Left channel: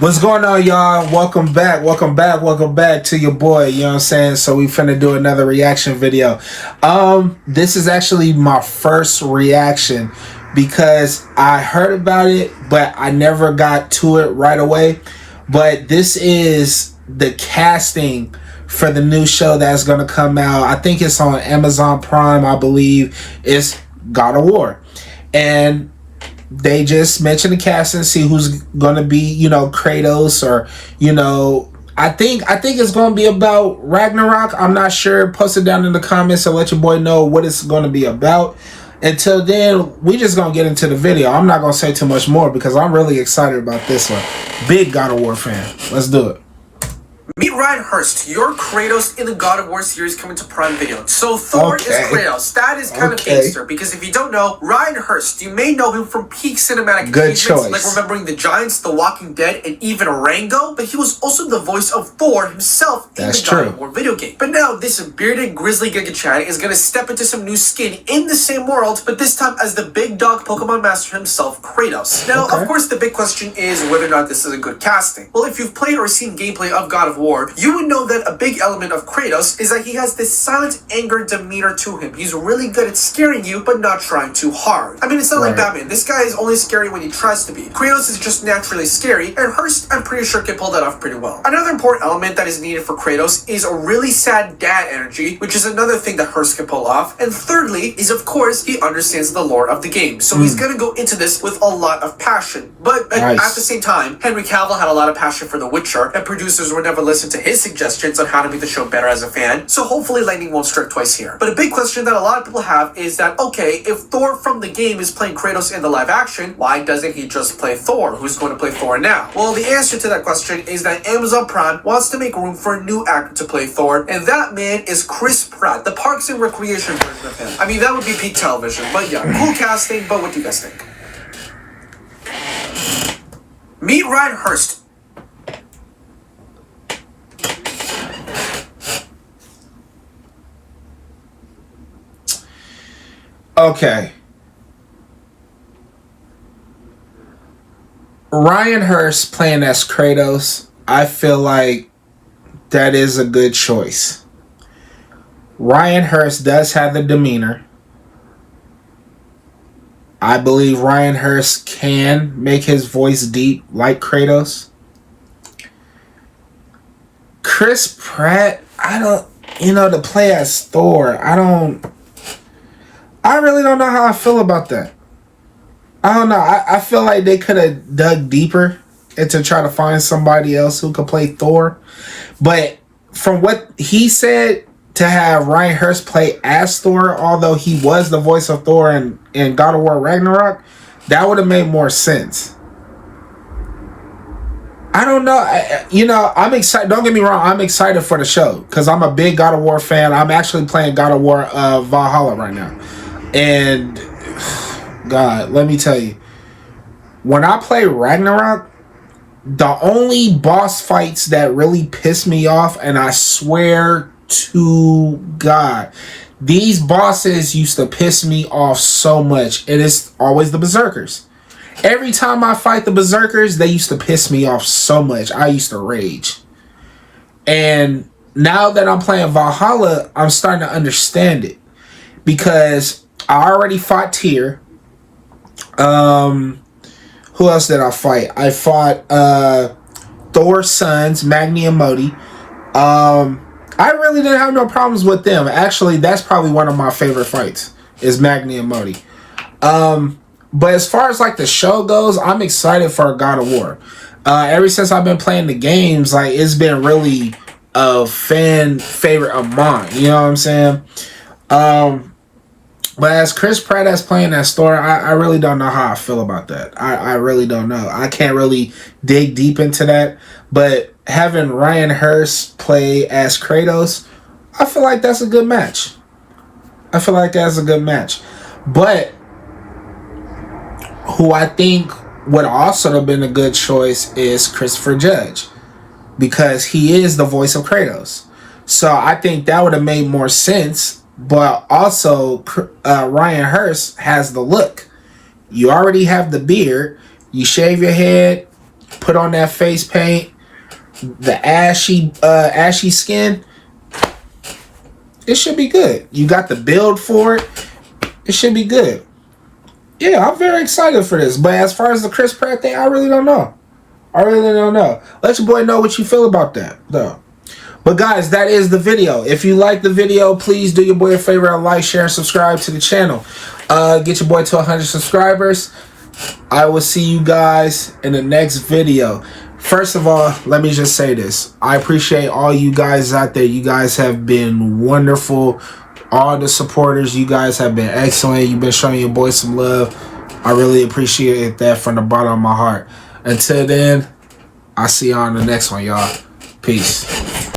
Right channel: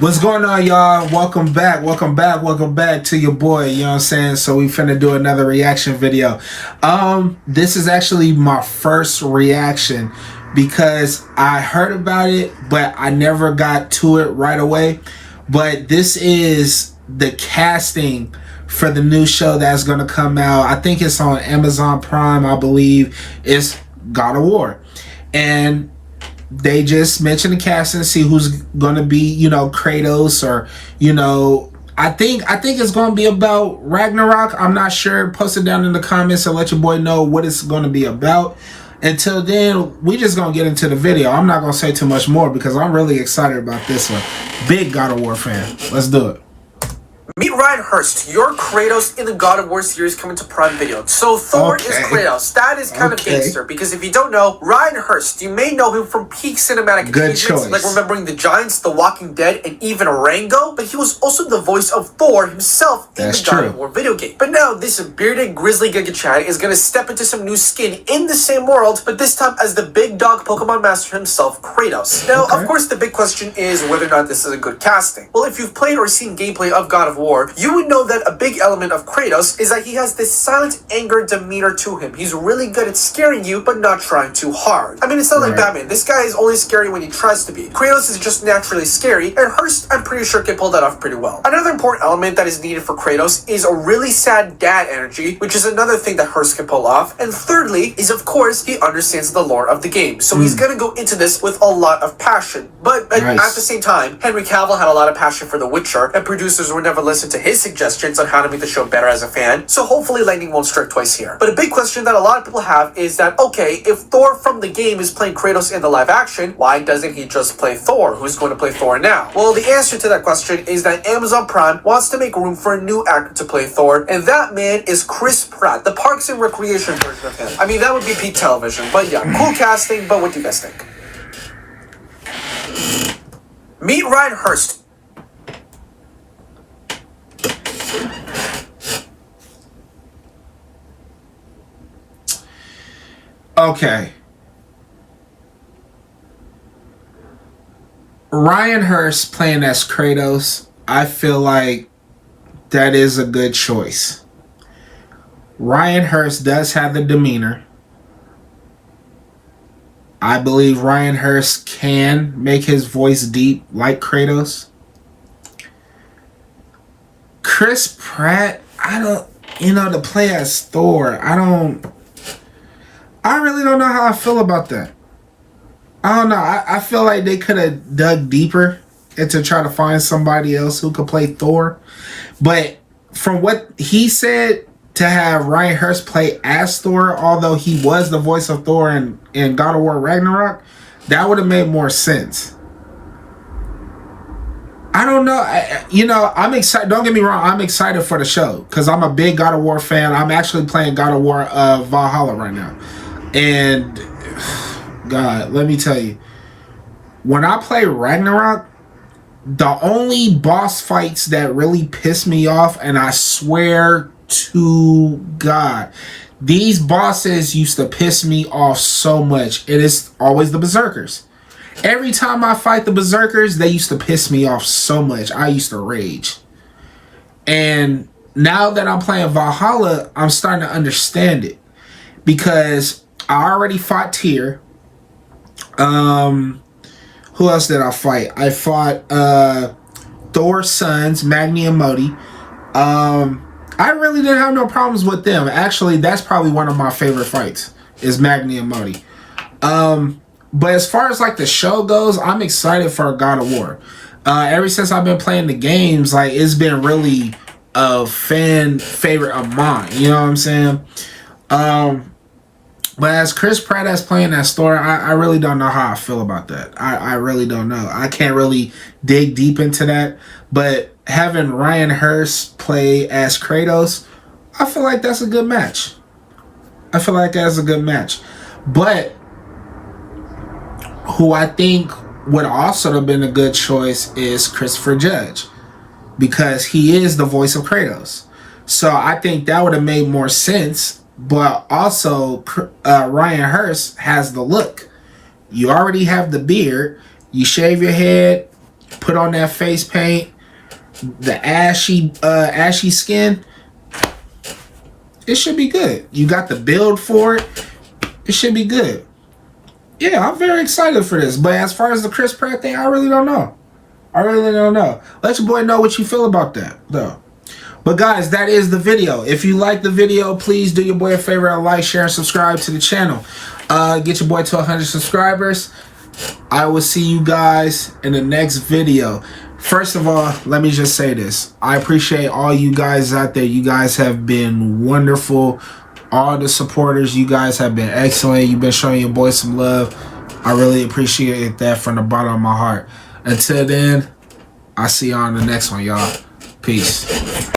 What's going on, y'all? Welcome back to your boy, you know what I'm saying? So we finna do another reaction video. This is actually my first reaction because I heard about it, but I never got to it right away. But this is the casting for the new show that's gonna come out. I think it's on Amazon Prime, I believe. It's God of War. And they just mentioned the casting, see who's gonna be, you know, Kratos, or, you know, I think it's gonna be about Ragnarok. I'm not sure. Post it down in the comments and let your boy know what it's gonna be about. Until then, we just gonna get into the video. I'm not gonna say too much more because I'm really excited about this one. Big God of War fan. Let's do it. Meet Ryan Hurst, your Kratos in the God of War series coming to Prime Video. So Thor is Kratos. That is kind of gangster, because if you don't know, Ryan Hurst, you may know him from peak cinematic Good achievements, choice. like Remembering the Giants, The Walking Dead, and even Rango, but he was also the voice of Thor himself in the God of War video game. But now this bearded grizzly Giga Chad is going to step into some new skin in the same world, but this time as the big dog Pokemon master himself, Kratos. Now, of course, the big question is whether or not this is a good casting. Well, if you've played or seen gameplay of God of War, you would know that a big element of Kratos is that he has this silent anger demeanor to him. He's really good at scaring you, but not trying too hard. I mean, it's not like Batman. This guy is only scary when he tries to be. Kratos is just naturally scary, and Hurst, I'm pretty sure, can pull that off pretty well. Another important element that is needed for Kratos is a really sad dad energy, which is another thing that Hurst can pull off. And thirdly is, of course, he understands the lore of the game. So he's going to go into this with a lot of passion. But at the same time, Henry Cavill had a lot of passion for The Witcher, and producers would never listen to his suggestions on how to make the show better as a fan, so hopefully lightning won't strike twice here. But a big question that a lot of people have is that, okay, if Thor from the game is playing Kratos in the live action, why doesn't he just play Thor? Who's going to play Thor now? Well, the answer to that question is that Amazon Prime wants to make room for a new actor to play Thor, and that man is Chris Pratt, the Parks and Recreation version of him. I mean, that would be peak television, but yeah, cool casting, but what do you guys think? Meet Ryan Hurst. Okay. Ryan Hurst playing as Kratos, I feel like that is a good choice. Ryan Hurst does have the demeanor. I believe Ryan Hurst can make his voice deep like Kratos. Chris Pratt, to play as Thor, I really don't know how I feel about that. I don't know. I feel like they could have dug deeper and to try to find somebody else who could play Thor. But from what he said, to have Ryan Hurst play as Thor, although he was the voice of Thor in God of War Ragnarok, that would have made more sense. I don't know. I'm excited. Don't get me wrong. I'm excited for the show because I'm a big God of War fan. I'm actually playing God of War Valhalla right now. And God, let me tell you, when I play Ragnarok, the only boss fights that really piss me off, and I swear to God, these bosses used to piss me off so much. It is always the Berserkers. Every time I fight the Berserkers, they used to piss me off so much. I used to rage. And now that I'm playing Valhalla, I'm starting to understand it. Because I already fought Tyr. Who else did I fight? I fought Thor's sons, Magni and Modi. I really didn't have no problems with them. Actually, that's probably one of my favorite fights, is Magni and Modi. But as far as like the show goes, I'm excited for God of War. Ever since I've been playing the games, like it's been really a fan favorite of mine. You know what I'm saying? But as Chris Pratt as playing that Thor, I really don't know how I feel about that. I really don't know. I can't really dig deep into that. But having Ryan Hurst play as Kratos, I feel like that's a good match. But who I think would also have been a good choice is Christopher Judge, because he is the voice of Kratos. So I think that would have made more sense. But also, Ryan Hurst has the look. You already have the beard. You shave your head. put on that face paint, the ashy skin, it should be good. You got the build for it. It should be good. Yeah, I'm very excited for this. But as far as the Chris Pratt thing, I really don't know. I really don't know. Let your boy know what you feel about that, though. But guys, that is the video. If you like the video, please do your boy a favor and like, share, and subscribe to the channel. Get your boy to 100 subscribers. I will see you guys in the next video. First of all, let me just say this. I appreciate all you guys out there. You guys have been wonderful. All the supporters, you guys have been excellent. You've been showing your boy some love. I really appreciate that from the bottom of my heart. Until then, I'll see you on the next one, y'all. Peace.